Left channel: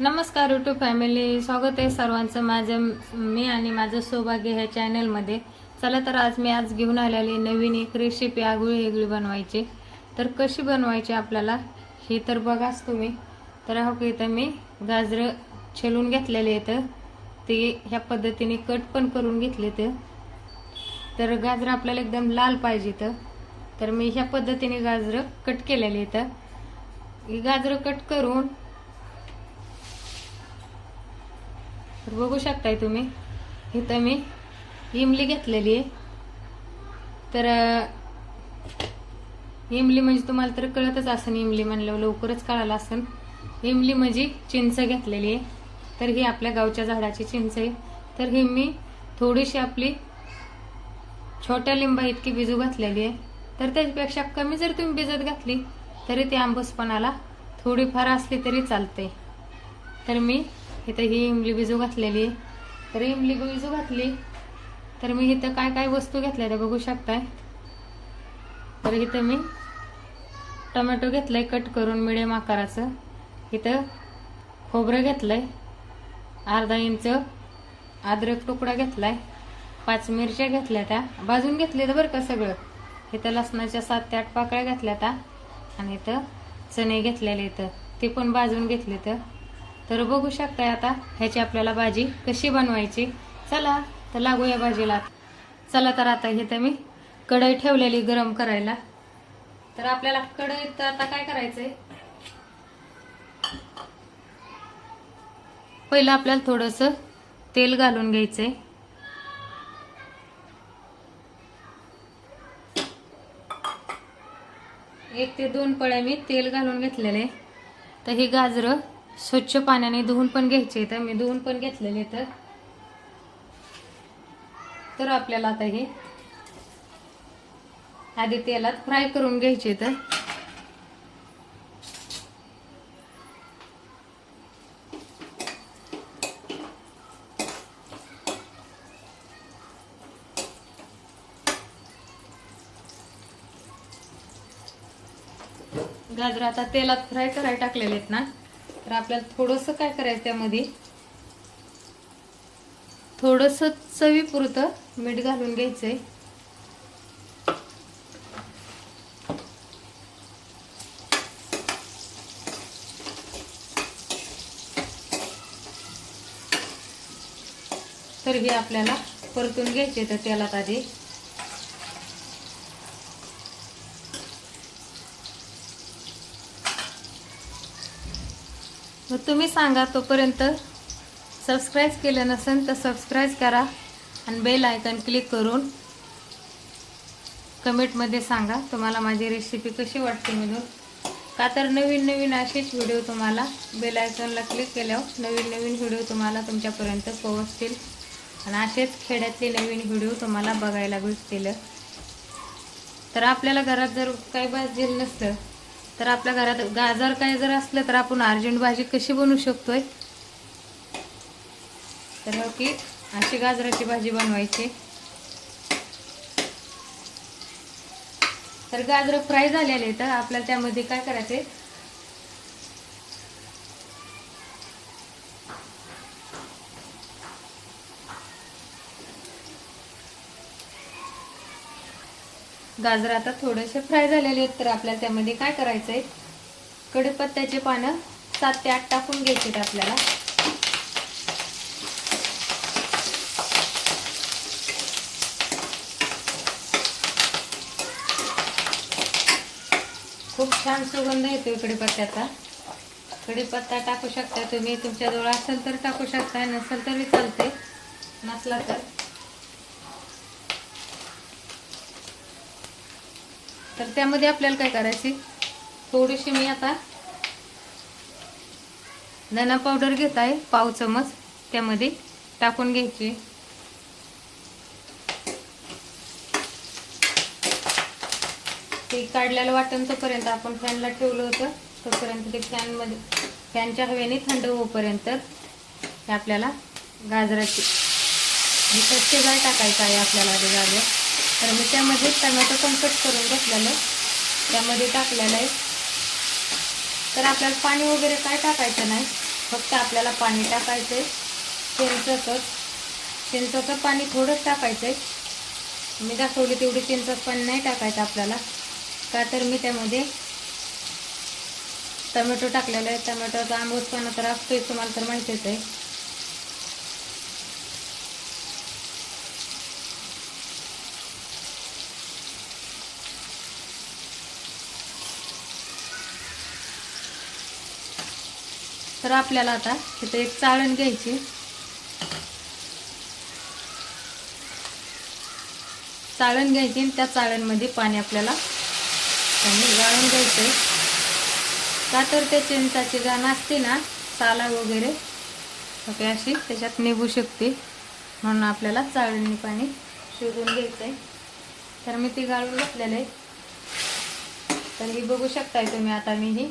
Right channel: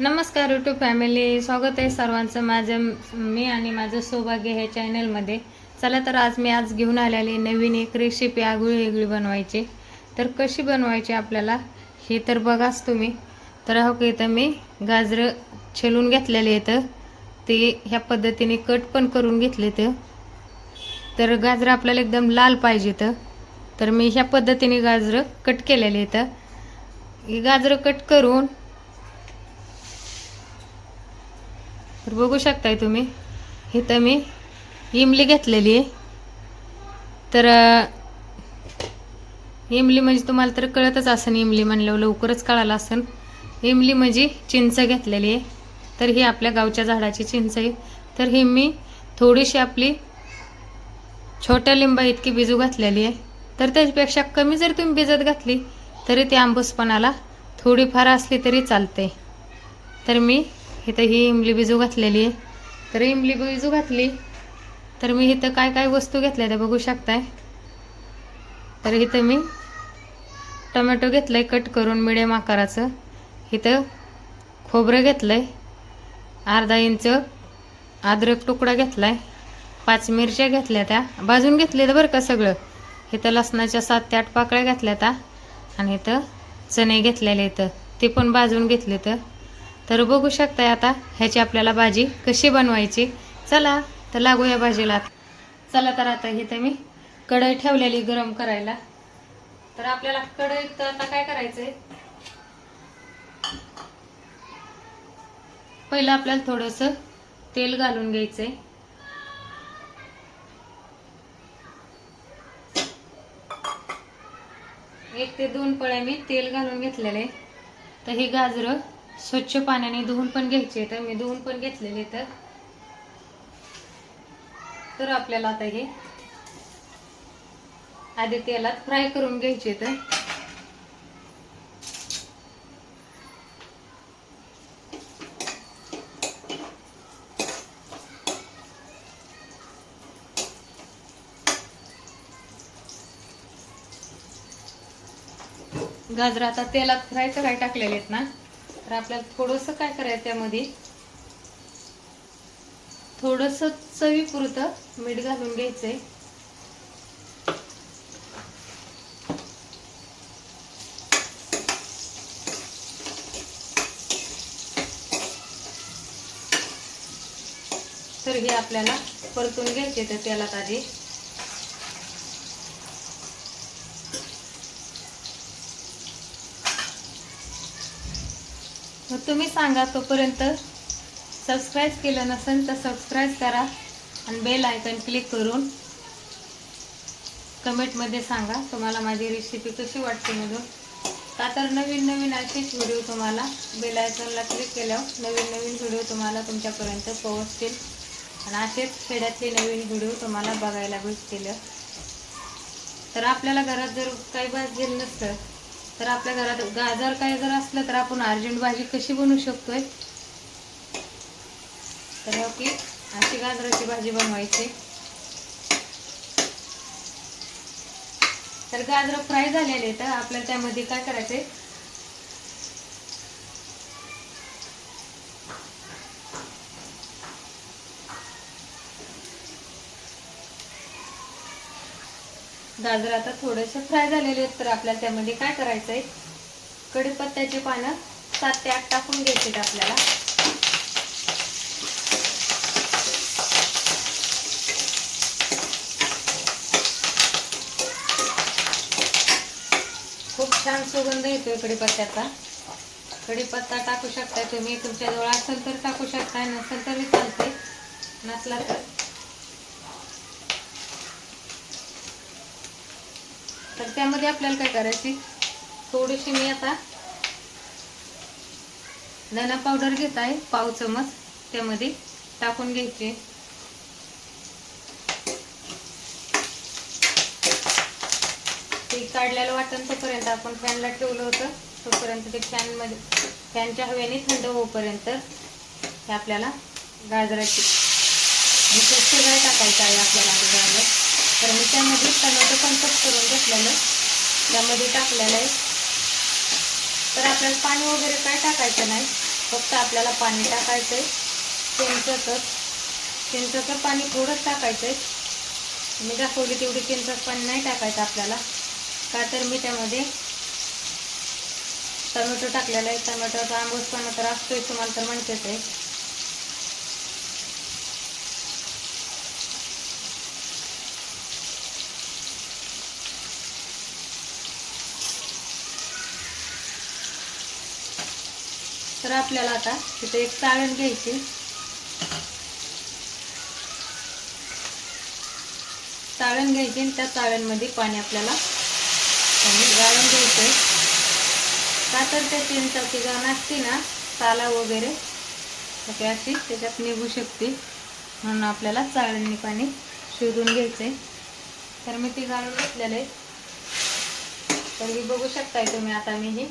नमस्कार YouTube family स्वागत आहे सर्वांचं. माझं मी आणि माझं सौभाग्य ह्या चॅनलमध्ये चला तर आज मी आज घेऊन आलेली नवीन एक रेसिपी आगळी वेगळी बनवायची. तर कशी बनवायची आपल्याला? हे तर बघाच तुम्ही. तर हो की इथं मी गाजरं छेलून घेतलेले आहेत. ते ह्या पद्धतीने कट पण करून घेतले तर तर गाजरं आपल्याला एकदम लाल पाहिजे तर मी ह्या पद्धतीने गाजरं कट केलेले आहेत. गाजरं कट करून तर बघू शकताय तुम्ही. इथं मी इमली घेतलेली आहे. तर इमली म्हणजे तुम्हाला तर कळतच असेल इमली म्हणल्यावर लवकरच कळालं असेल. इमली म्हणजे चिंच घेतलेली आहे. तर ही आपल्या गावच्या झाडाची चिंच आहे. तर ही मी थोडीशी आपली छोट्या लिंबा इतकी बिजू घातलेली आहे. तर त्याच्यापेक्षा कमी जर तुम्ही भिजत घातली तरी ती आंबूसपणाला थोडीफार असली तरी चालते. तर मी इथं ही इमली बिजू घातलेली आहे. तर इमली बिजू घातली तर मी इथं काय काय वस्तू घेतल्या त्या बघू शकताय. तर इथं मी टोमॅटो घेतलंय कट करून मिडियम आकाराचं. इथं खोबरं घेतलंय अर्धा इंच अद्रक तुकडा घेतलाय पाच मिरच्या घेतल्या त्या. भाजून घेतल्या बरं का सगळं. इथं लसणाच्या सात ते आठ पाकळ्या घातल्या त्या. आणि इथं चणे घेतलेले इथं. ते पण भाजून घेतले तर तर बघू शकताय आता ह्याची आपल्याला भाजी कशी बनवायची. चला तर लागूया भाजीला चला तर आता इथं मी कढई ठेवलेली गरम करायला. तर आपल्याला कढईत आता काय करायचंय? पहिलं आपल्याला थोडस तेल घालून घ्यायचंय. एक ते दोन पळ्या मी तेल घालून घेतलेले. तर ही गाजरं स्वच्छ पाण्याने धुवून पण घ्यायचे तर मी धुवून पण घेतलेले तर तर आपल्याला आता हे आधी तेलात फ्राय करून घ्यायचे तर गाजर आता तेलात फ्राय करायला टाकलेले आहेत ना. तर आपल्याला थोडंसं काय करायचं त्यामध्ये? थोडंसं चवीपुरतं मीठ घालून घ्यायचंय. तर हे आपल्याला परतून घ्यायचे तर त्याला आधी मग तुम्ही सांगा तोपर्यंत सबस्क्राईब केलं नसेल तर सबस्क्राईब करा आणि बेल आयकन क्लिक करून कमेंटमध्ये सांगा तुम्हाला माझी रेसिपी कशी वाटते म्हणून. का तर नवीन नवीन असेच व्हिडिओ तुम्हाला बेल आयकॉनला क्लिक केल्यावर नवीन नवीन व्हिडिओ तुम्हाला तुमच्यापर्यंत पोहोचतील. आणि असेच खेड्यातले नवीन व्हिडिओ तुम्हाला बघायला भेटतील. तर आपल्याला घरात जर काही भाजील नसतं तर आपल्या घरात गाजर काही जर असलं तर आपण अर्जंट भाजी कशी बनवू शकतोय? तर ओके अशी गाजराची भाजी बनवायची. तर गाजर फ्राय झालेले तर आपल्याला त्यामध्ये काय करायचंय? गाजर आता थोडेसे फ्राय झालेले आहेत तर आपल्याला त्यामध्ये काय करायचंय? कढीपत्त्याचे पानं सात ते आठ टाकून घ्यायचे आपल्याला. खूप छान सुगंध येतोय कढीपत्त्याचा. कढीपत्ता टाकू शकता तुम्ही तुमच्याजवळ असेल तर टाकू शकता नसेल तरी चालते नसला तर. तर त्यामध्ये आपल्याला काय करायचे? थोडीशी मी आता धना पावडर घेत आहे पाव चमच. त्यामध्ये टाकून घ्यायची. ते काढलेलं वाटण तोपर्यंत आपण फॅनला ठेवलं होतं. तोपर्यंत ते फॅनमध्ये फॅनच्या हवेने थंड होईपर्यंत हे आपल्याला गाजराची हे टाकायचं आहे आपल्याला गाजर. तर मी त्यामध्ये टमाटो पण कट करून घेतलेलं. त्यामध्ये टाकलेलं आहे. तर आपल्याला पाणी वगैरे काय टाकायचं नाही. फक्त आपल्याला पाणी टाकायचं आहे. चिंचचं. चिंचचं पाणी थोडंच टाकायचं आहे. मी दाखवली तेवढी चिंच पाणी नाही टाकायचं आपल्याला. का तर मी त्यामध्ये टोमॅटो टाकलेला आहे. टोमॅटोचा आंबूसपणा तर असतोय तुम्हाला तर माहितीच आहे. तर आपल्याला आता तिथे एक चाळण घ्यायची. चाळण घ्यायची त्या चाळणमध्ये पाणी आपल्याला गाळून घ्यायचं का तर त्या चिंचाची गाणं असते ना साला वगैरे ओके अशी त्याच्यात निघू शकते. म्हणून आपल्याला चाळणीने पाणी शिजून घ्यायचं आहे. तर मी ती गाळून घेतलेलं आहे. तर ही बघू शकताय तुम्ही आता मी ही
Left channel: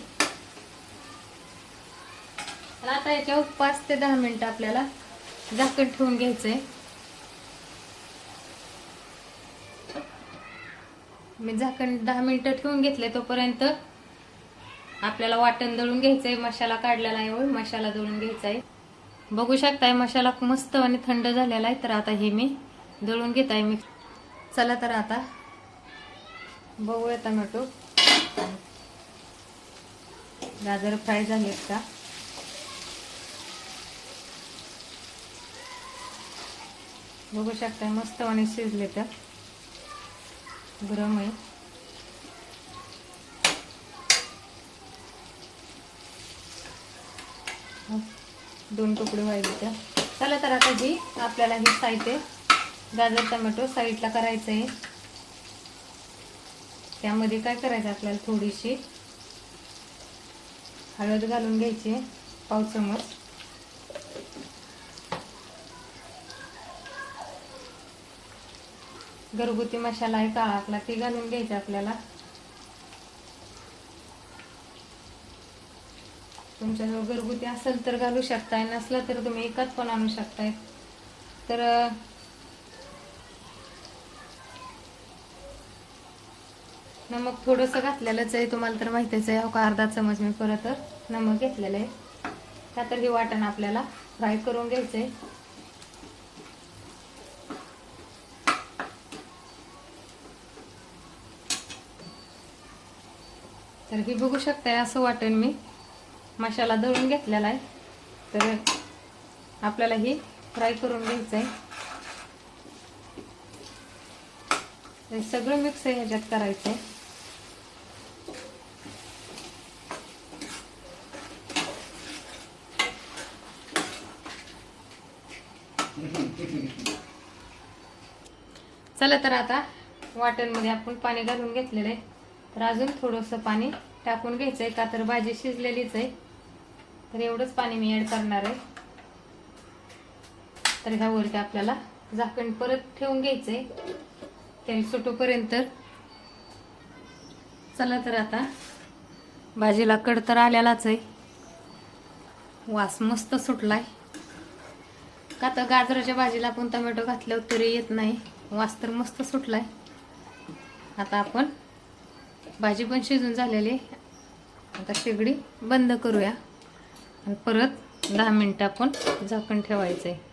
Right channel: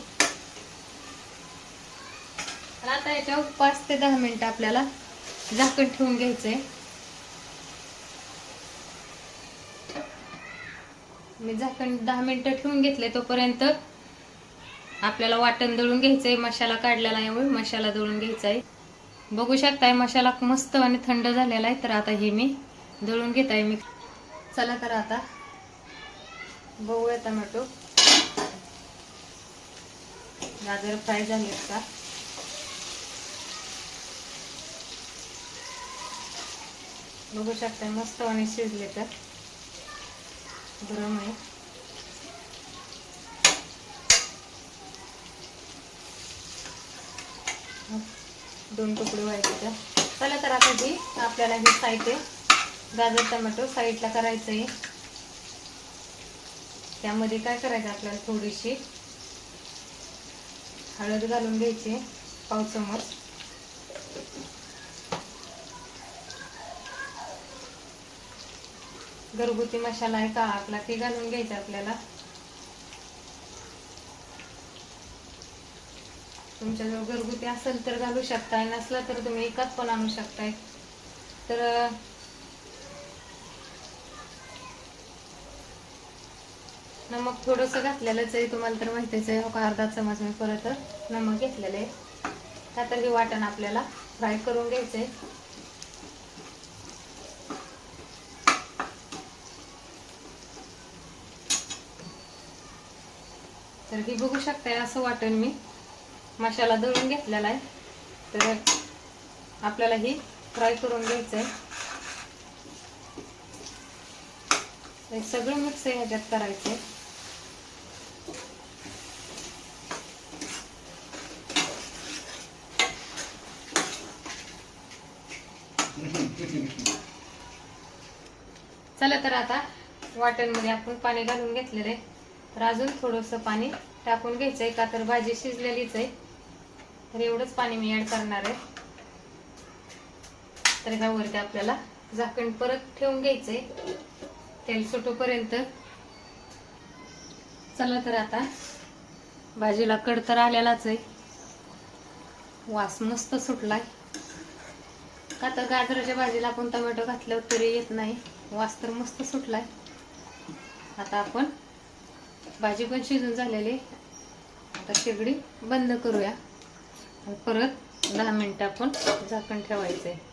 आता याच्यावर पाच ते दहा मिनिटं आपल्याला झाकण ठेवून घ्यायचंय. मी झाकण दहा मिनिटं ठेवून घेतलंय तोपर्यंत आपल्याला वाटण दळून घ्यायचंय मसाला काढलेला आहे मसाला दळून घ्यायचा आहे बघू शकताय मसाला मस्त आणि थंड झालेला आहे तर आता हे मी दळून घेत आहे मी चला तर आता बघूया टमॅटो. गाजर फ्राय झालेत का? बघू शकता मस्त आणि शिजले तर. गरम आहे. दोन तुकडे व्हायचे तर. चला तर आता जी आपल्याला हे साईड आहे गाजर टमॅटो साईडला करायचं आहे. त्यामध्ये काय करायचं आपल्याला थोडीशी? हळद घालून घ्यायची पाव चमच. घरगुती मसाला आहे का आपला ते घालून घ्यायचं आपल्याला. तुमच्याजवळ घरगुती असेल तर घालू शकताय नसलं तर तुम्ही एकाच पण आणू शकताय. तर नमक थोडंसं घातलेलंच आहे तुम्हाला तर माहितीच आहे हो का अर्धा चमच मी परत नमक घेतलेलं आहे. का तर हे वाटण आपल्याला फ्राय करून घ्यायचं आहे तर हे बघू शकताय असं वाटेल मी. मसाला दळून घेतलेला आहे. तर आपल्याला ही फ्राय करून घ्यायचं आहे सगळं मिक्स आहे ह्याच्यात करायचं आहे चला तर आता वाटणमध्ये आपण पाणी घालून घेतलेलं आहे. तर अजून थोडंसं पाणी टाकून घ्यायचं. आहे का तर भाजी शिजलेलीच आहे. तर एवढंच पाणी मी ॲड करणार आहे. तर ह्यावरती आपल्याला झाकण परत ठेवून घ्यायचं आहे तेल सुटोपर्यंत. चला तर आता भाजीला कड तर आलेलाच आहे. वास मस्त सुटलाय. का तर गाजराच्या भाजीला आपण टोमॅटो घातल्यावर तरी येत नाही. वास तर मस्त सुटलाय. आता आपण भाजी पण शिजून झालेली. आता शेगडी बंद करूया. परत दहा मिनटं आपण झाकण ठेवायचं आहे